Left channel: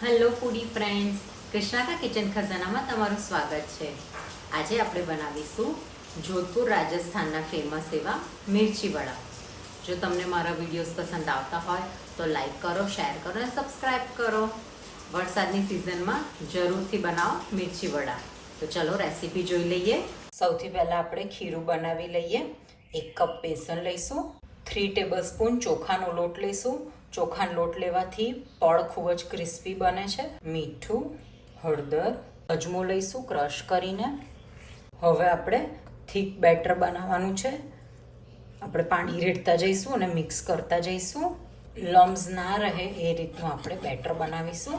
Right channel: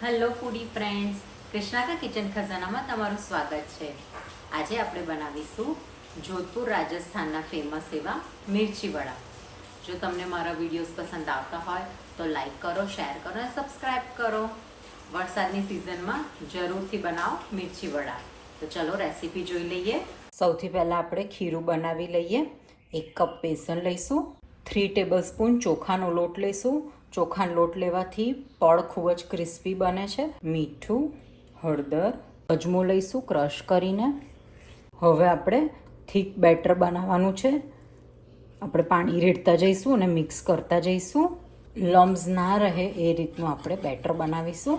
Hello ફૂડી friends, Krishna કા kitchen ખજાનામાં તમારું સ્વાગત છે। આજે આપણે બનાવીશું જોધપુર રાજસ્થાનના ફેમસ એવા મિર્ચી વડા। જો તમને મારા વિડીયોઝ પસંદ આવતા હોય તો લાઈક કરો, શેર કરો અને સબસ્ક્રાઈબ કરો। વરસાદની સિઝનમાં જરૂરથી બનાવો મિર્ચી વડા। તો ચલો રેસીપી જોઈ લઈએ। સૌથી પહેલાં આપણે ખીરું બનાવી લઈએ। 1 કપ બેસન લઈશું, 3 ટેબલસ્પૂન ચોખાનો લોટ લઈશું। ચોખાનો લોટ લેવાથી પડ ખૂબ જ ક્રિસ્પી બને છે। મીઠું, હળદર, અજમો લઈશું ક્રશ કરીને। હવે આપણે થીક બેટર બનાવવાનું છે। આપણે પાણી રેડતા જઈશું અને મિક્સ કરતા જઈશું। લમ્સ ના રહે એ રીતનું આપણે બેટર બનાવીશું।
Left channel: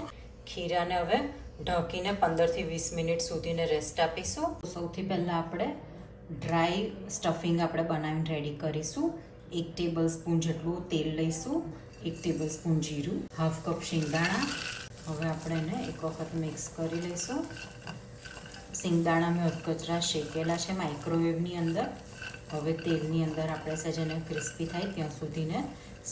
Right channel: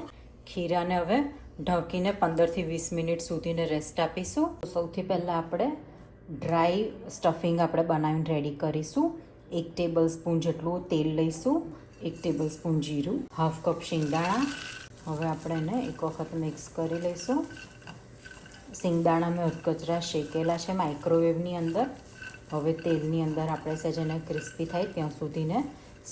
ખીરાને હવે ઢાંકીને 15 થી 20 મિનિટ સુધીને રેસ્ટ આપીશું। સૌથી પહેલાં આપણે ડ્રાય સ્ટફિંગ આપણે બનાવીને રેડી કરીશું। 1 ટેબલસ્પૂન જેટલું તેલ લઈશું, 1 ટેબલસ્પૂન જીરું, હાફ કપ શિંગદાણા। હવે આપણે એને એક વખત મિક્સ કરી લઈશું। શિંગદાણા મેં અધકચરા શેકેલા છે માઇક્રોવેવની અંદર। હવે તેલની અંદર આપણે સહેજ એને ક્રિસ્પી થાય ત્યાં સુધીને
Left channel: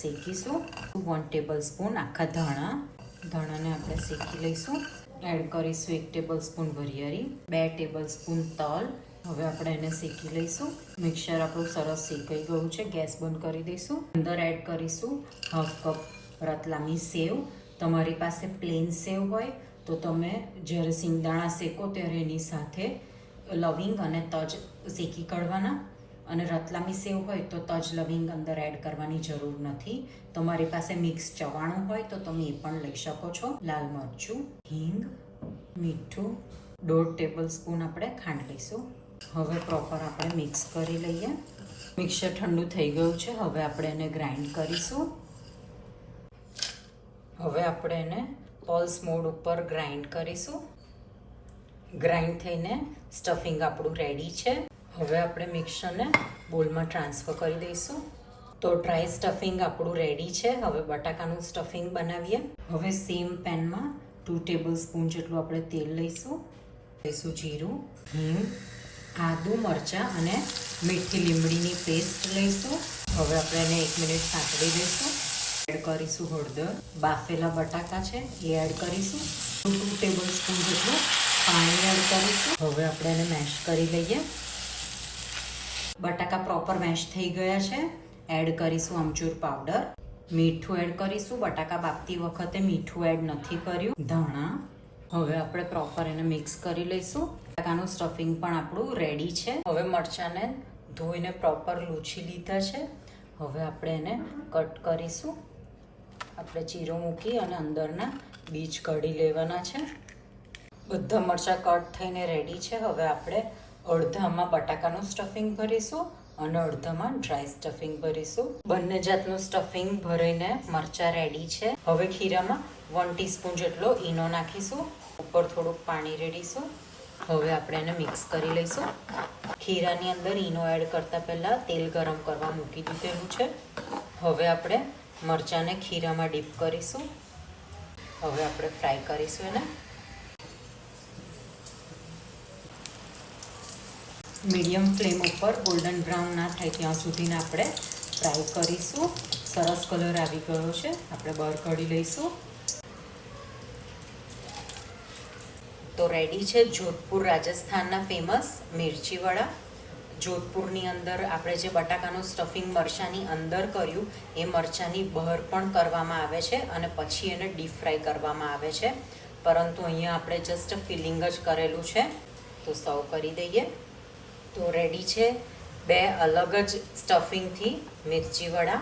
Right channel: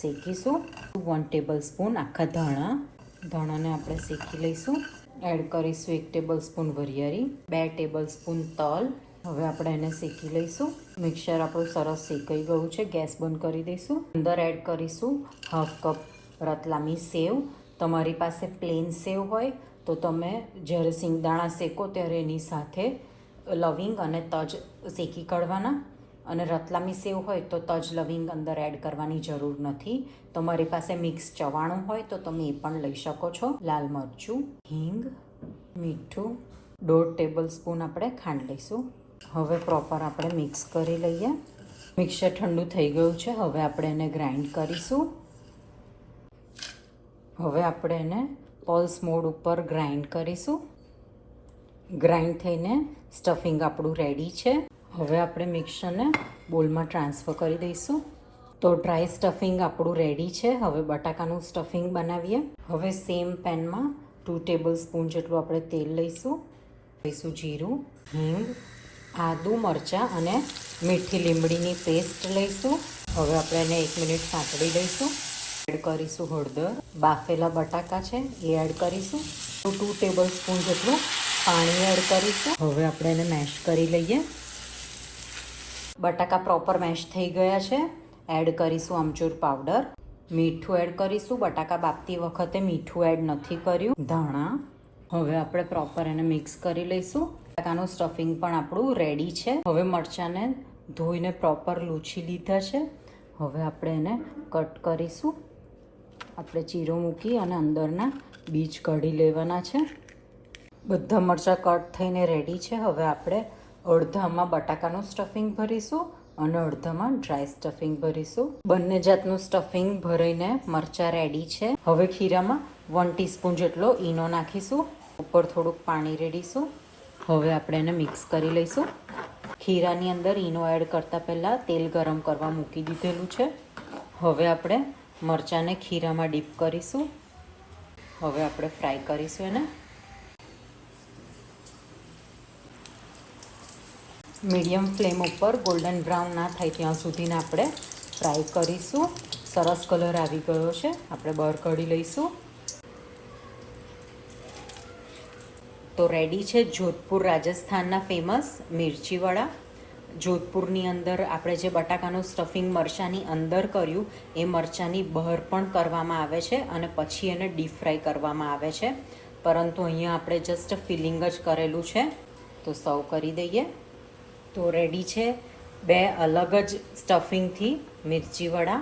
શેકીશું। 1 ટેબલસ્પૂન આખા ધાણાને આપણે શેકી લઈશું। એડ કરીશું 1 ટેબલસ્પૂન વરિયાળી, 2 ટેબલસ્પૂન તલ। હવે આપણે એને શેકી લઈશું। મિક્સર આપણું સરસ શેકાઈ ગયું છે, ગેસ બંધ કરી દઈશું। અંદર એડ કરીશું હાફ કપ રતલામી સેવ। તમારી પાસે પ્લેન સેવ હોય તો તમે જ્યારે શિંગદાણા શેકો ત્યારે એની સાથે લવિંગ અને તજ શેકી કાઢવાના, અને રતલામી સેવ હોય તો તજ લવિંગ અંદર એડ કરવાની જરૂર નથી। તમારી પાસે મિક્સ ચવાણું હોય તો તમે એ પણ લઈ શકો છો। લાલ મરચું, હિંગ, મીઠું, 1.5 ટેબલસ્પૂન આપણે ખાંડ લઈશું। હવે પ્રોપર આપણે મિક્સ કરી લઈએ। મિક્સર ઠંડુ થઈ ગયું છે, હવે આપણે એને ગ્રાઇન્ડ કરીશું। હવે આપણે એને પલ્સ મોડ ઉપર ગ્રાઇન્ડ કરીશું। ગ્રાઇન્ડ થઈને સ્ટફિંગ આપણું રેડી છે। હવે આપણે મિક્સરને બોલમાં ટ્રાન્સફર કરી દઈશું। તો ડ્રાય સ્ટફિંગ આપણું રેડી છે। હવે બટાકાનું સ્ટફિંગ બનાવીએ। હવે સેમ પેનમાં 2 ટેબલસ્પૂન જેટલું આપણે તેલ લઈશું જીરું, હિંગ, આદુ, મરચાં અને મીઠી લીમડીની પેસ્ટ લઈશું। હવે આપણે એને 1 મિનિટ સાંતળી દઈશું। એડ કરીશું હળદર, બાફેલા બટાકા છે એ એડ કરીશું। 2 ટેબલસ્પૂન જેટલું પાણી એડ કરીશું। હવે આપણે એને મેશ કરી લઈએ। બટાકા પ્રોપર મેશ થઈ ગયા છે। એડ કરીશું આમચૂર પાવડર, મીઠું એડ કરીશું। બટાકા બાફતી વખતે મીઠું એડ નથી કર્યું। ધાણા। હવે આપણે પ્રોપર એને મિક્સ કરી લઈશું। બટાકાનું સ્ટફિંગ પણ આપણું રેડી છે। હવે મરચાંને ધોઈને પ્રોપર લૂછી લીધા છે। હવે આપણે એને કટ કરીશું। આપણે ચીરો મૂકી અને અંદરના બીજ કાઢી લેવાના છે। બધા મરચાં કટ થઈને રેડી છે। હવે આપણે અડધામાં બટાકાનું સ્ટફિંગ ભરીશું અને અડધામાં ડ્રાય સ્ટફિંગ ભરીશું। બંને જાતનું સ્ટફિંગ ભરીને મરચાં રેડી છે। હવે ખીરામાં 1 ટીસ્પૂન જેટલો ઈનો નાખીશું, ઉપર થોડુંક પાણી રેડીશું। હવે આપણે એને મિક્સ કરી લઈશું। ખીરાની અંદર ઈનો એડ કરતાં પહેલાં તેલ ગરમ કરવા મૂકી દીધેલું છે। હવે આપણે મરચાંને ખીરામાં ડીપ કરીશું। હવે આપણે ફ્રાય કરીશું એને। મીડિયમ ફ્લેમ ઉપર ગોલ્ડન બ્રાઉન ના થાય ત્યાં સુધીને આપણે ફ્રાય કરીશું। સરસ કલર આવી ગયો છે, આપણે બહાર કાઢી લઈશું। તો રેડી છે જોધપુર રાજસ્થાનના ફેમસ મિર્ચી વડા। જોધપુરની અંદર આપણે જે બટાકાનું સ્ટફિંગ મરચાંની અંદર કર્યું એ મરચાંની બહાર પણ કરવામાં આવે છે અને પછી એને ડીપ ફ્રાય કરવામાં આવે છે, પરંતુ અહીંયા આપણે જસ્ટ ફિલિંગ જ કરેલું છે। તો સર્વ કરી દઈએ। તો રેડી છે 2 અલગ જ સ્ટફિંગથી મિર્ચી વડા।